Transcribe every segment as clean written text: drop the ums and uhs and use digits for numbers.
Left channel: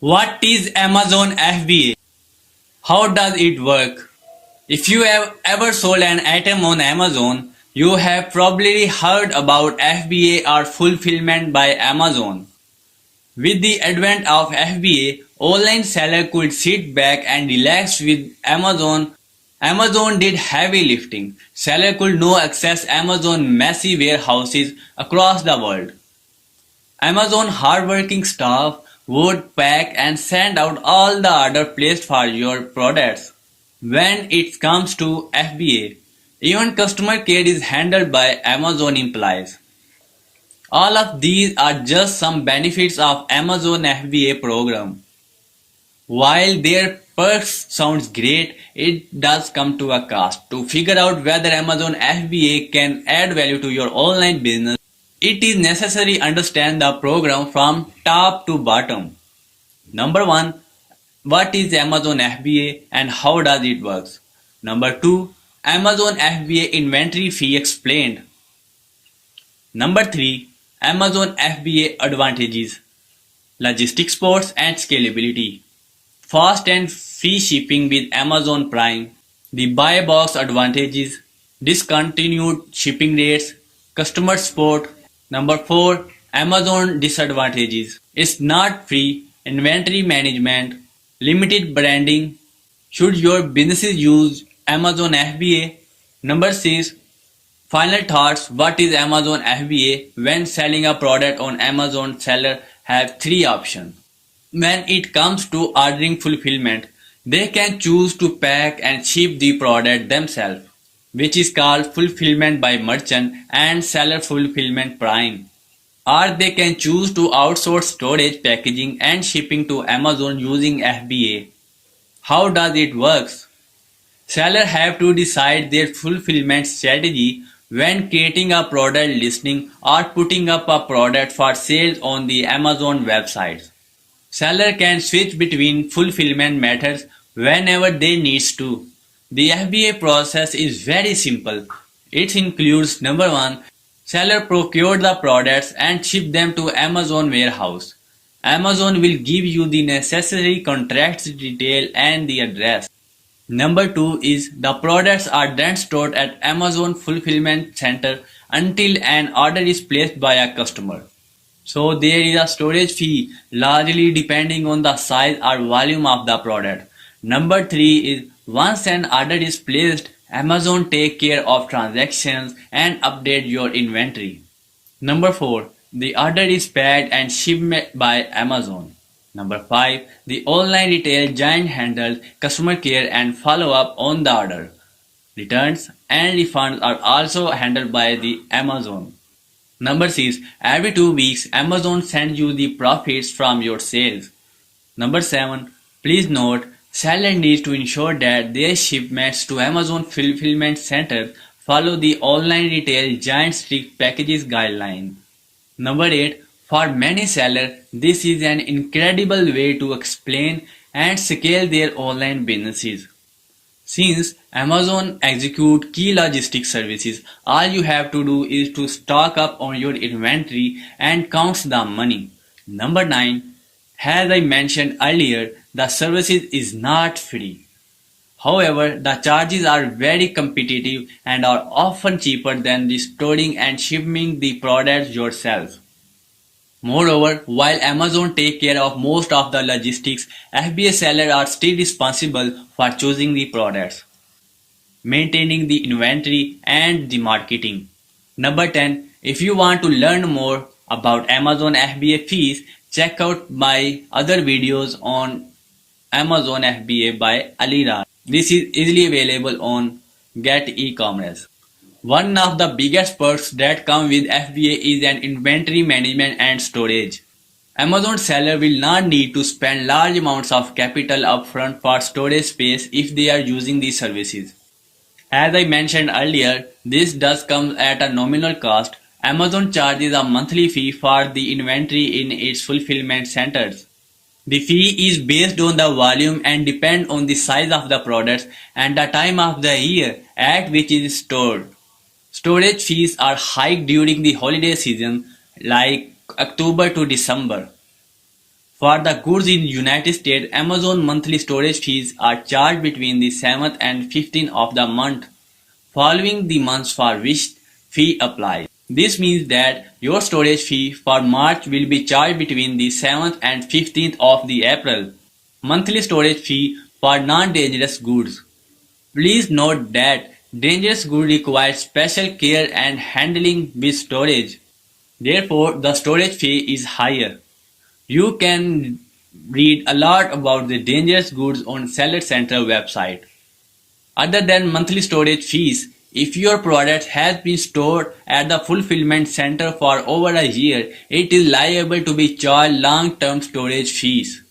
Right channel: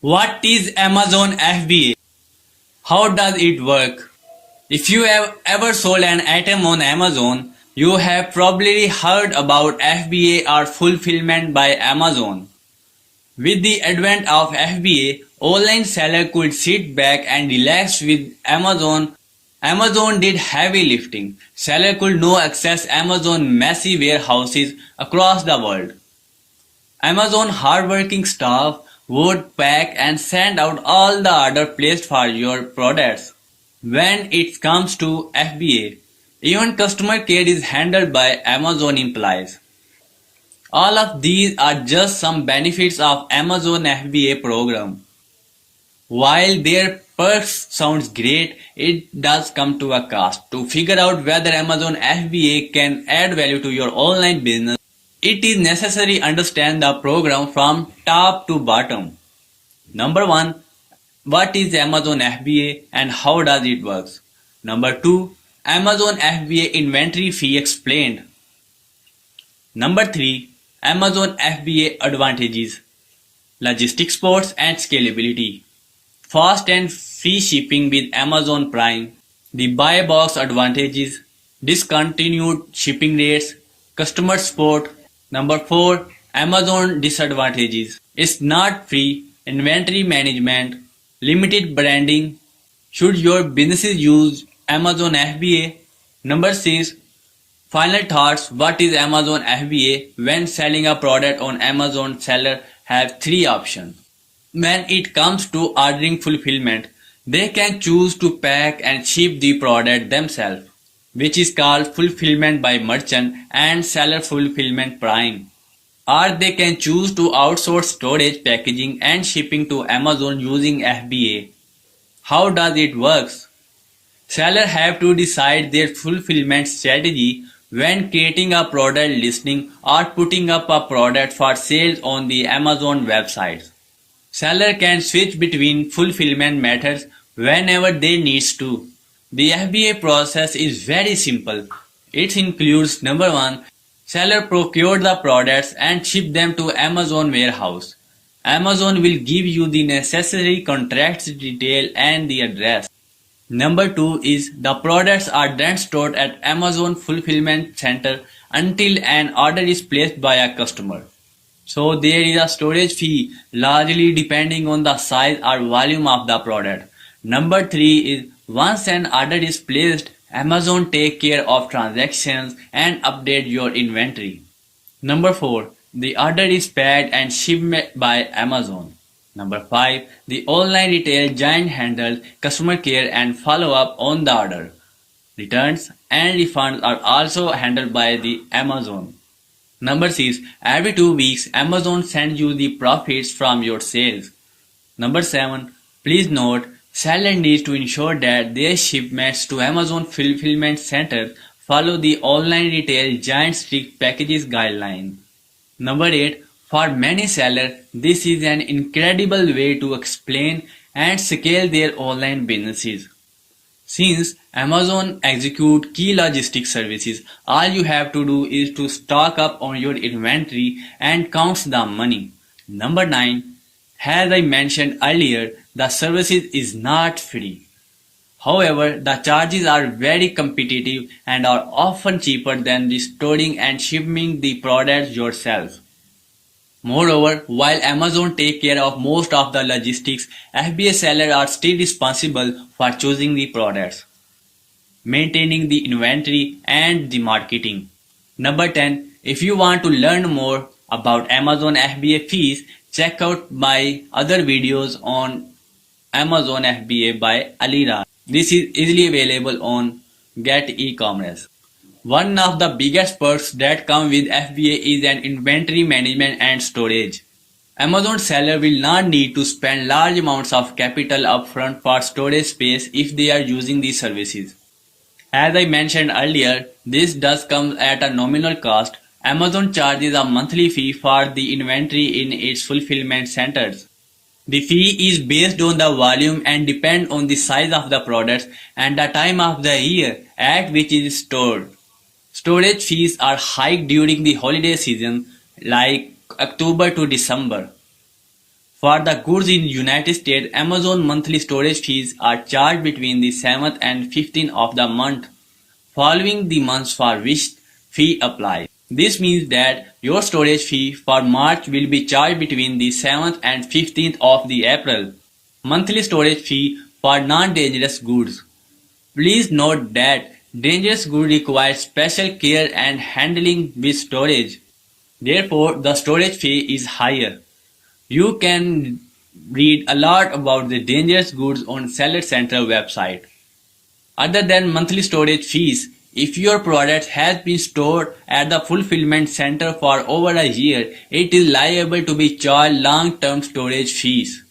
What is Amazon FBA? How does it work? If you have ever sold an item on Amazon, you have probably heard about FBA or Fulfillment by Amazon. With the advent of FBA, online seller could sit back and relax with Amazon. Amazon did heavy lifting. Seller could now access Amazon messy warehouses across the world. Amazon hardworking staff would pack and send out all the orders placed for your products. When it comes to FBA, even customer care is handled by Amazon employees. All of these are just some benefits of Amazon FBA program. While their perks sounds great, it does come to a cost. To figure out whether Amazon FBA can add value to your online business, it is necessary to understand the program from top to bottom. Number 1. What is Amazon FBA and how does it work? Number 2. Amazon FBA inventory fee explained. Number 3. Amazon FBA advantages. Logistics ports and scalability. Fast and free shipping with Amazon Prime. The buy box advantages. Discontinued shipping rates. Customer support. Number 4. Amazon disadvantages. It's not free. Inventory management. Limited branding. Should your businesses use Amazon FBA? Number 6. Final thoughts. What is Amazon FBA? When selling a product on Amazon, seller have 3 options. When it comes to ordering fulfillment, they can choose to pack and ship the product themselves, which is called fulfillment by merchant and seller fulfillment prime. Or they can choose to outsource storage, packaging and shipping to Amazon using FBA. How does it work? Sellers have to decide their fulfillment strategy when creating a product listing or putting up a product for sales on the Amazon website. Seller can switch between fulfillment methods whenever they need to. The FBA process is very simple. It includes number 1. Seller procure the products and ship them to Amazon warehouse. Amazon will give you the necessary contract detail and the address. Number 2 is the products are then stored at Amazon fulfillment center until an order is placed by a customer. So there is a storage fee largely depending on the size or volume of the product. Number 3 is once an order is placed, Amazon take care of transactions and update your inventory. Number 4. The order is packed and shipped by Amazon. Number 5. The online retail giant handles customer care and follow-up on the order. Returns and refunds are also handled by the Amazon. Number 6. Every 2 weeks, Amazon sends you the profits from your sales. Number 7. Please note, seller needs to ensure that their shipments to Amazon fulfillment center follow the online retail giant strict packages guideline. Number 8. For many sellers, this is an incredible way to explain and scale their online businesses. Since Amazon execute key logistics services, all you have to do is to stock up on your inventory and count the money. Number 9. As I mentioned earlier, the services is not free. However, the charges are very competitive and are often cheaper than the storing and shipping the products yourself. Moreover, while Amazon take care of most of the logistics, FBA sellers are still responsible for choosing the products, maintaining the inventory and the marketing. Number 10. If you want to learn more about Amazon FBA fees, check out my other videos on Amazon FBA by Alira. This is easily available on Get e-commerce. One of the biggest perks that come with FBA is an inventory management and storage. Amazon seller will not need to spend large amounts of capital upfront for storage space if they are using these services. As I mentioned earlier, this does come at a nominal cost. Amazon charges a monthly fee for the inventory in its fulfillment centers. The fee is based on the volume and depends on the size of the products and the time of the year at which it is stored. Storage fees are high during the holiday season like October to December. For the goods in United States, Amazon monthly storage fees are charged between the 7th and 15th of the month following the months for which fee applies. This means that your storage fee for March will be charged between the 7th and 15th of the April. Monthly storage fee for non-dangerous goods. Please note that dangerous goods require special care and handling with storage. Therefore, the storage fee is higher. You can read a lot about the dangerous goods on Seller Center website. Other than monthly storage fees, if your product has been stored at the fulfillment center for over a year, it is liable to be charged long-term storage fees.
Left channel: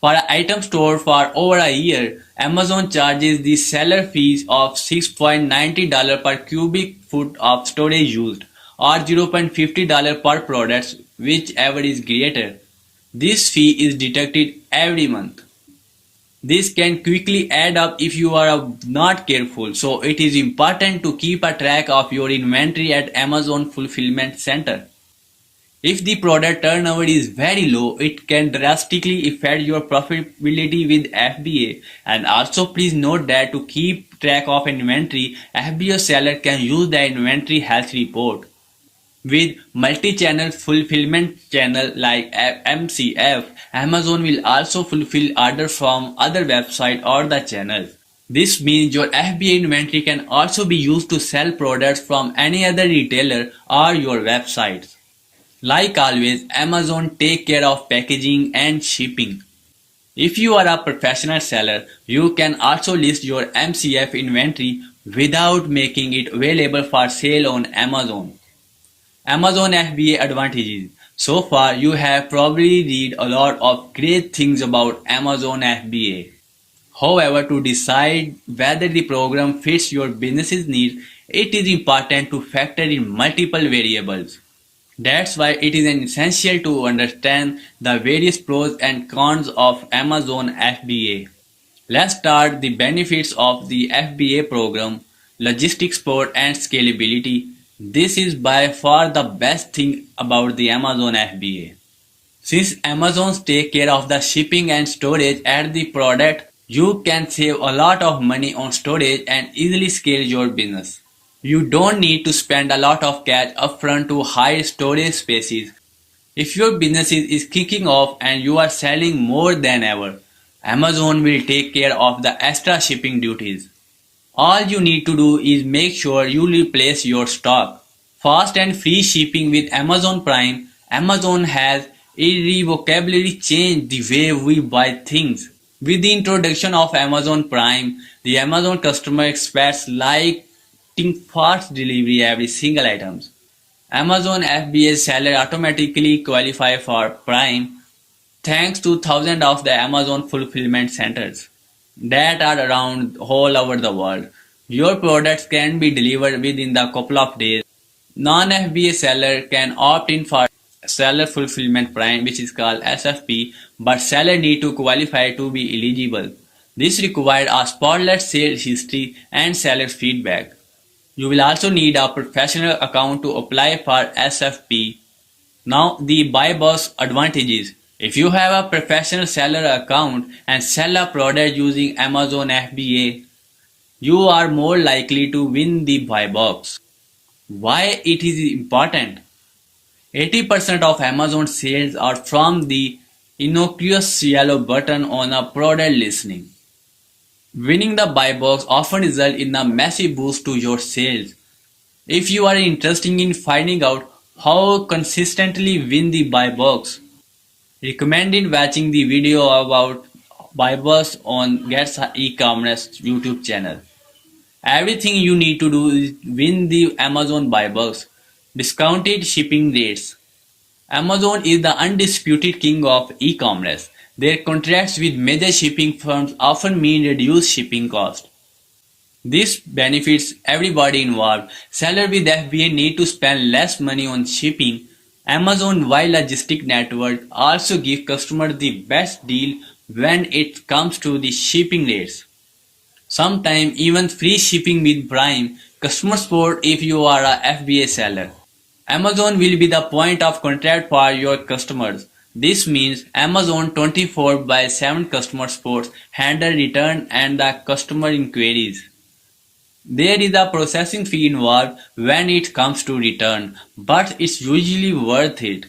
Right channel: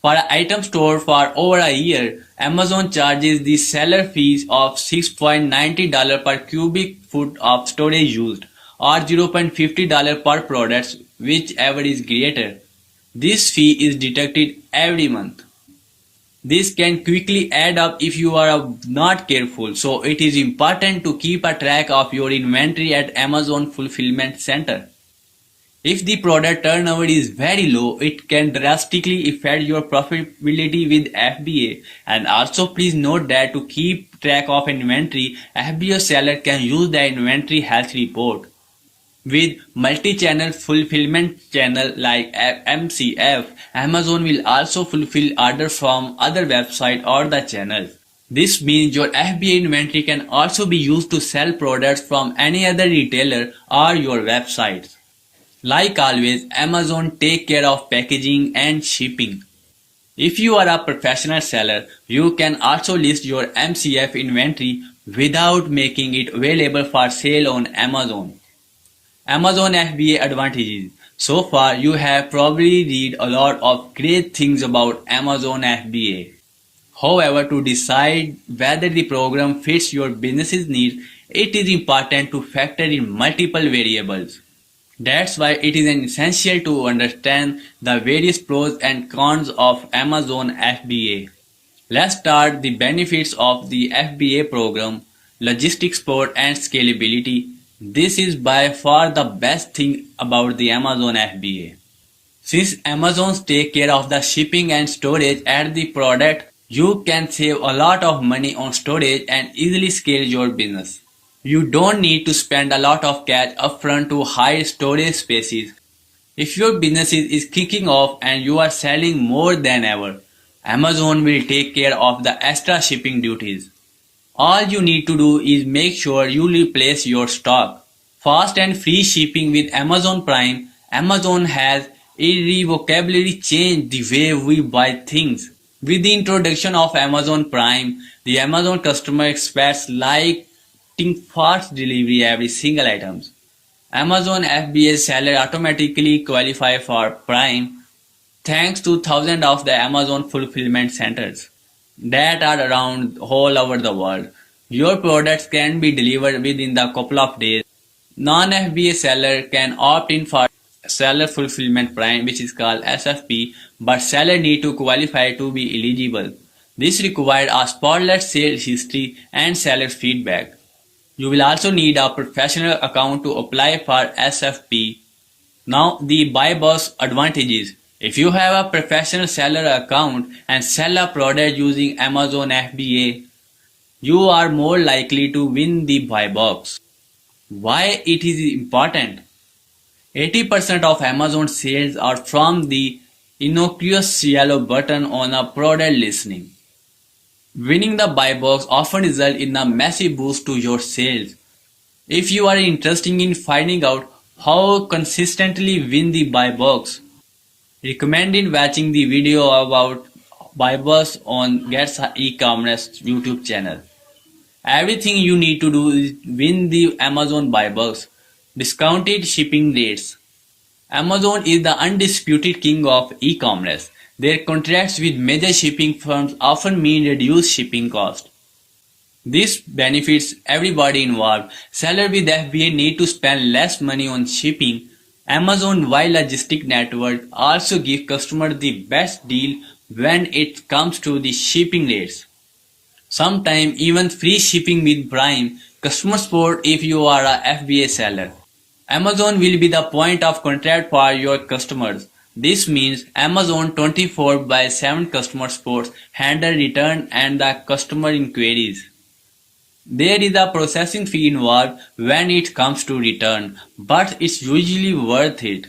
For an item stored for over a year, Amazon charges the seller fees of $6.90 per cubic foot of storage used, or $0.50 per product, whichever is greater. This fee is deducted every month. This can quickly add up if you are not careful, so it is important to keep a track of your inventory at Amazon Fulfillment Center. If the product turnover is very low, it can drastically affect your profitability with FBA. And also please note that to keep track of inventory, FBA seller can use the inventory health report. With multi-channel fulfillment channel like MCF, Amazon will also fulfill orders from other websites or the channels. This means your FBA inventory can also be used to sell products from any other retailer or your websites. Like always, Amazon take care of packaging and shipping. If you are a professional seller, you can also list your MCF inventory without making it available for sale on Amazon. Amazon FBA advantages. So far, you have probably read a lot of great things about Amazon FBA. However, to decide whether the program fits your business's needs, it is important to factor in multiple variables. That's why it is essential to understand the various pros and cons of Amazon FBA. Let's start the benefits of the FBA program, logistics support and scalability. This is by far the best thing about the Amazon FBA. Since Amazon takes care of the shipping and storage at the product, you can save a lot of money on storage and easily scale your business. You don't need to spend a lot of cash upfront to hire storage spaces. If your business is kicking off and you are selling more than ever, Amazon will take care of the extra shipping duties. All you need to do is make sure you replace your stock. Fast and free shipping with Amazon Prime. Amazon has irrevocably changed the way we buy things. With the introduction of Amazon Prime, the Amazon customer expects lightning fast delivery every single item. Amazon FBA seller automatically qualify for Prime thanks to thousands of the Amazon fulfillment centers that are around all over the world. Your products can be delivered within the couple of days. Non-FBA seller can opt in for Seller Fulfillment Prime, which is called SFP, but seller need to qualify to be eligible. This requires a spotless sales history and seller feedback. You will also need a professional account to apply for SFP. Now the buy box advantages. If you have a professional seller account and sell a product using Amazon FBA, you are more likely to win the buy box. Why it is important? 80% of Amazon sales are from the innocuous yellow button on a product listing. Winning the buy box often results in a massive boost to your sales. If you are interested in finding out how consistently win the buy box, recommended watching the video about buy box on Gets E-commerce YouTube channel. Everything you need to do is win the Amazon buy box. Discounted shipping rates. Amazon is the undisputed king of e-commerce. Their contracts with major shipping firms often mean reduced shipping costs. This benefits everybody involved. Sellers with FBA need to spend less money on shipping. Amazon Wide Logistic Network also gives customers the best deal when it comes to the shipping rates. Sometimes even free shipping with Prime, customer support if you are a FBA seller. Amazon will be the point of contact for your customers. This means Amazon 24 by 7 customer supports handle return and the customer inquiries. There is a processing fee involved when it comes to return, but it's usually worth it.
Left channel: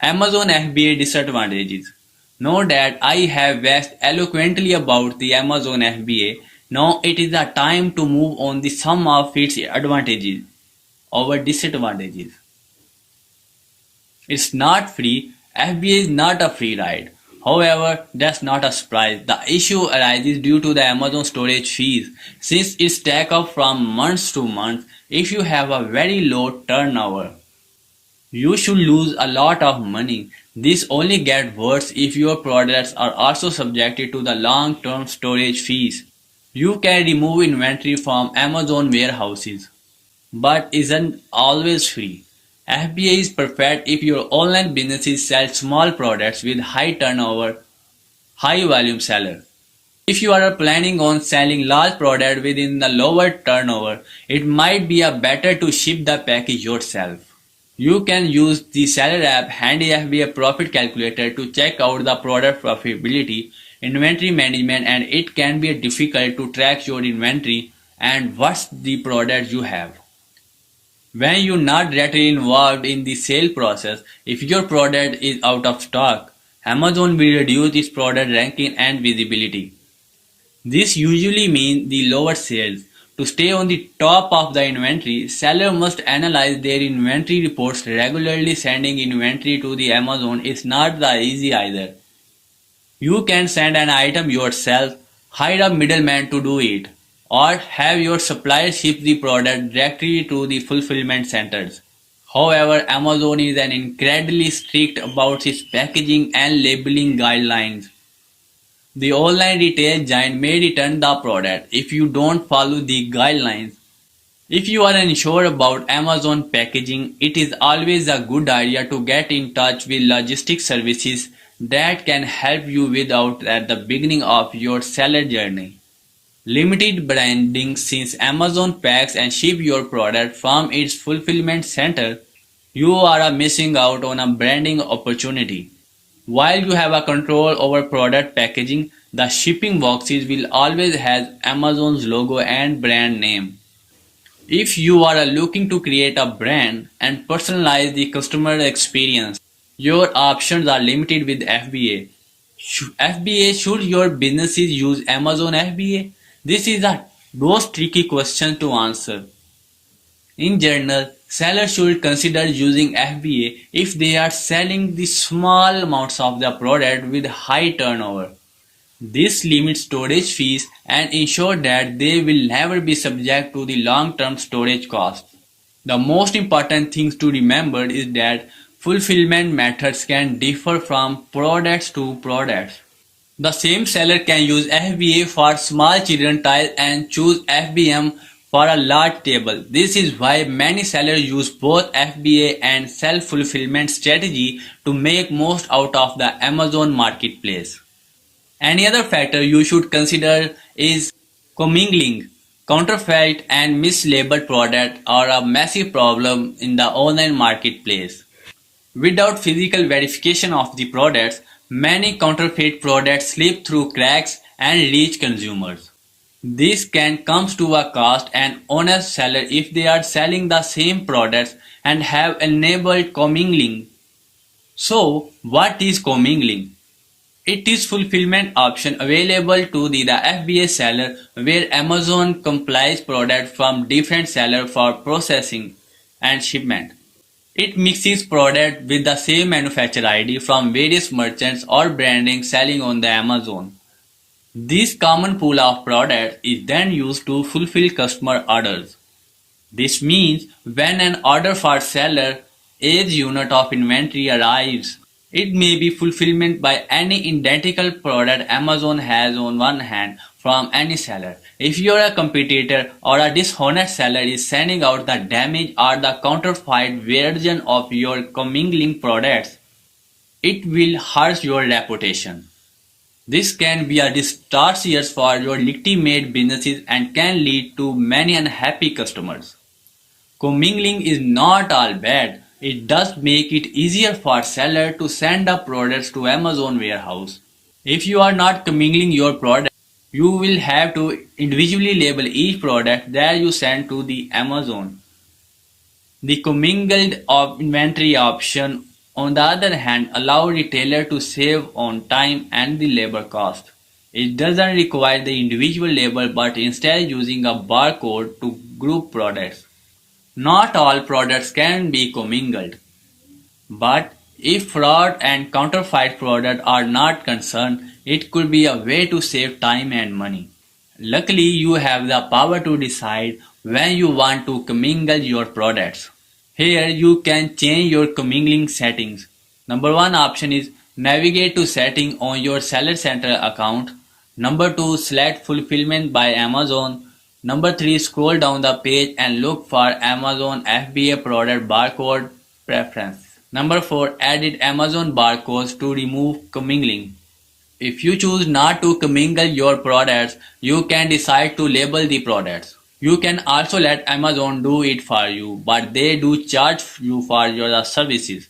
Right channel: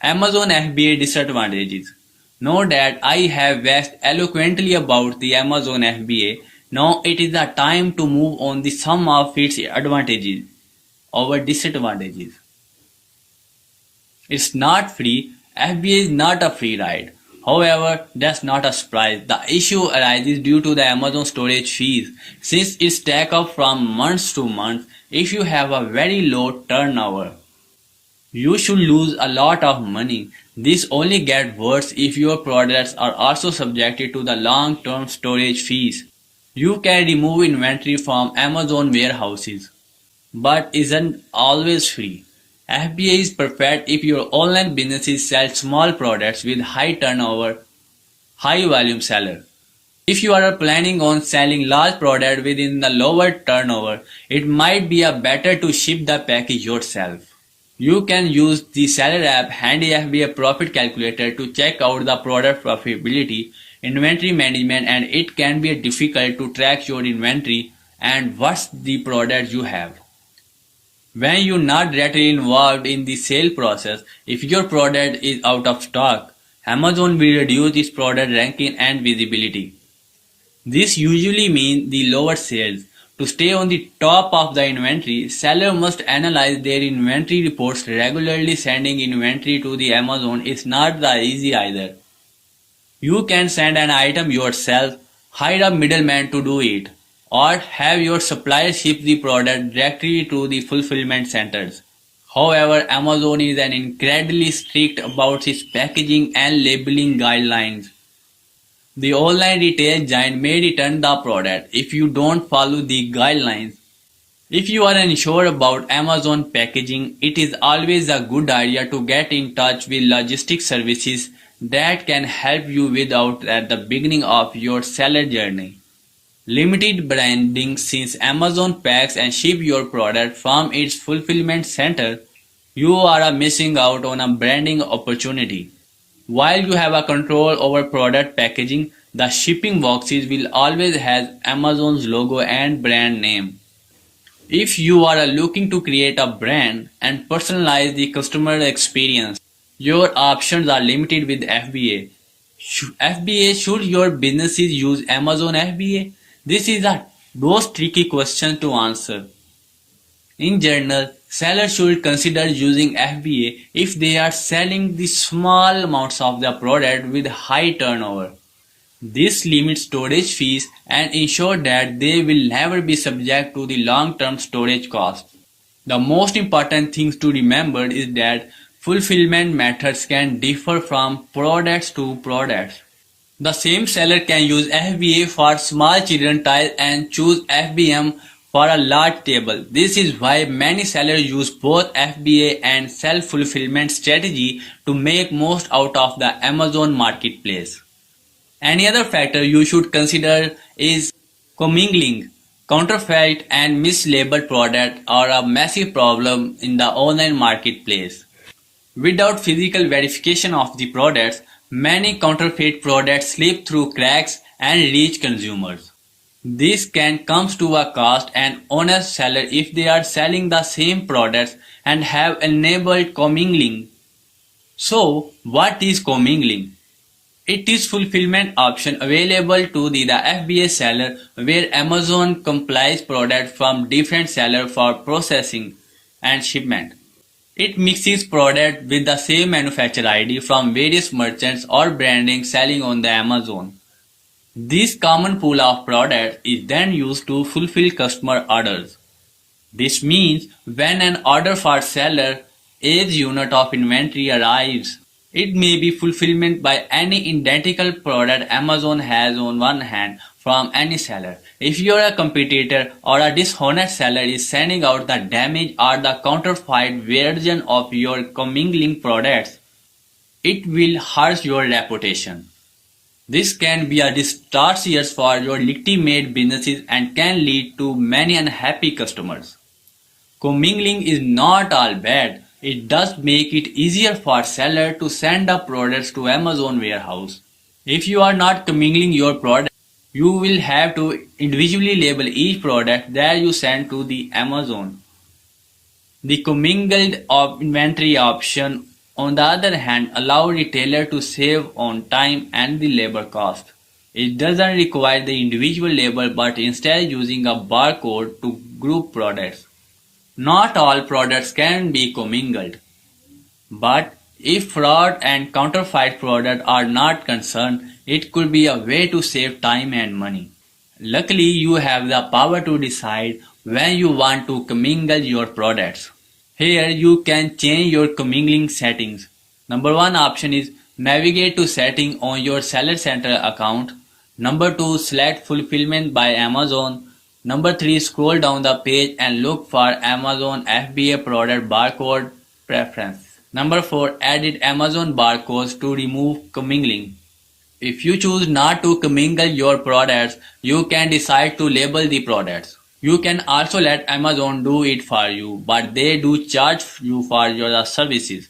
Amazon FBA disadvantages. Know that I have waxed eloquently about the Amazon FBA. Now it is the time to move on the sum of its advantages over disadvantages. It's not free. FBA is not a free ride. However, that's not a surprise. The issue arises due to the Amazon storage fees. Since it stacks up from months to months, if you have a very low turnover, you should lose a lot of money. This only gets worse if your products are also subjected to the long-term storage fees. You can remove inventory from Amazon warehouses, but isn't always free. FBA is perfect if your online business sells small products with high turnover, high volume seller. If you are planning on selling large products within the lower turnover, it might be a better to ship the package yourself. You can use the seller app Handy FBA Profit Calculator to check out the product profitability, inventory management, and it can be difficult to track your inventory and what's the product you have. When you're not directly involved in the sale process, if your product is out of stock, Amazon will reduce its product ranking and visibility. This usually means the lower sales. To stay on the top of the inventory, seller must analyze their inventory reports regularly. Sending inventory to the Amazon is not that easy either. You can send an item yourself, hire a middleman to do it, or have your supplier ship the product directly to the fulfillment centers. However, Amazon is incredibly strict about its packaging and labeling guidelines. The online retail giant may return the product if you don't follow the guidelines. If you are unsure about Amazon packaging, it is always a good idea to get in touch with logistics services that can help you without at the beginning of your seller journey. Limited branding. Since Amazon packs and ships your product from its fulfillment center, you are missing out on a branding opportunity. While you have a control over product packaging, the shipping boxes will always have Amazon's logo and brand name. If you are looking to create a brand and personalize the customer experience, your options are limited with FBA. Should your businesses use Amazon FBA? This is a most tricky question to answer. In general, sellers should consider using FBA if they are selling the small amounts of the product with high turnover. This limits storage fees and ensures that they will never be subject to the long-term storage costs. The most important thing to remember is that fulfillment methods can differ from products to products. The same seller can use FBA for small children toys and choose FBM for a large table. This is why many sellers use both FBA and self-fulfillment strategy to make most out of the Amazon marketplace. Any other factor you should consider is commingling. Counterfeit and mislabeled products are a massive problem in the online marketplace. Without physical verification of the products, many counterfeit products slip through cracks and reach consumers. This can come to a cost an honest seller if they are selling the same products and have enabled commingling. So, what is commingling? It is fulfillment option available to the FBA seller where Amazon complies products from different sellers for processing and shipment. It mixes product with the same manufacturer ID from various merchants or branding selling on the Amazon. This common pool of products is then used to fulfill customer orders. This means when an order for seller A's unit of inventory arrives, it may be fulfillment by any identical product Amazon has on one hand from any seller. If you are a competitor or a dishonest seller is sending out the damaged or the counterfeit version of your commingling products, it will hurt your reputation. This can be a disastrous for your legitimate businesses and can lead to many unhappy customers. Commingling is not all bad. It does make it easier for seller to send up products to Amazon warehouse. If you are not commingling your product, you will have to individually label each product that you send to the Amazon. The commingled inventory option, on the other hand, allows retailer to save on time and the labor cost. It doesn't require the individual label but instead using a barcode to group products. Not all products can be commingled, but if fraud and counterfeit products are not concerned, it could be a way to save time and money. Luckily, you have the power to decide when you want to commingle your products. Here you can change your commingling settings. Number 1 option is navigate to setting on your Seller Center account. Number 2, select fulfillment by Amazon. Number 3, scroll down the page and look for Amazon FBA product barcode preference. Number 4, edit Amazon barcodes to remove commingling. If you choose not to commingle your products, you can decide to label the products. You can also let Amazon do it for you, but they do charge you for your services.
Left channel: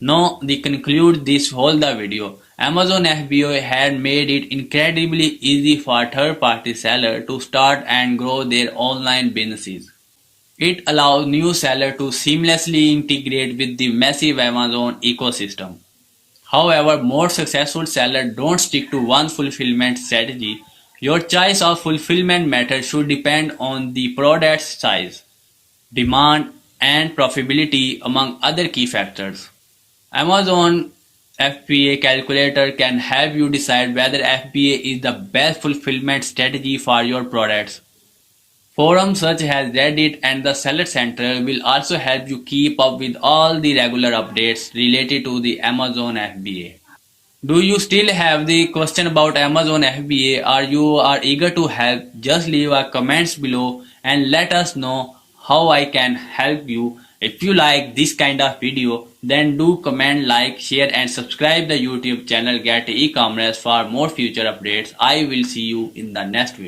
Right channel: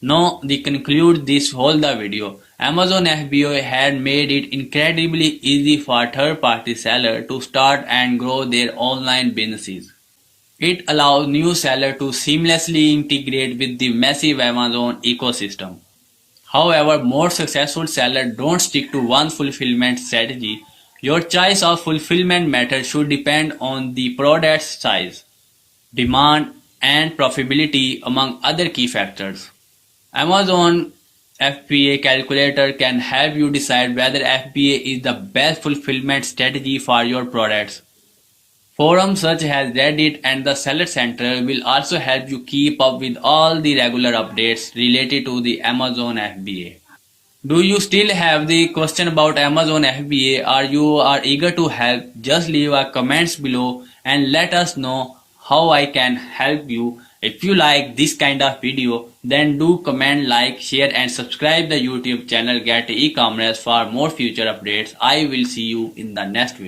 Now, to conclude this whole video, Amazon FBA had made it incredibly easy for third-party sellers to start and grow their online businesses. It allows new sellers to seamlessly integrate with the massive Amazon ecosystem. However, more successful sellers don't stick to one fulfillment strategy. Your choice of fulfillment method should depend on the product's size, demand, and profitability, among other key factors. Amazon FBA calculator can help you decide whether FBA is the best fulfillment strategy for your products. Forums such as Reddit and the Seller Center will also help you keep up with all the regular updates related to the Amazon FBA. Do you still have the question about Amazon FBA or you are eager to help? Just leave a comments below and let us know how I can help you. If you like this kind of video, then do comment, like, share and subscribe the YouTube channel Get E-Commerce for more future updates. I will see you in the next video.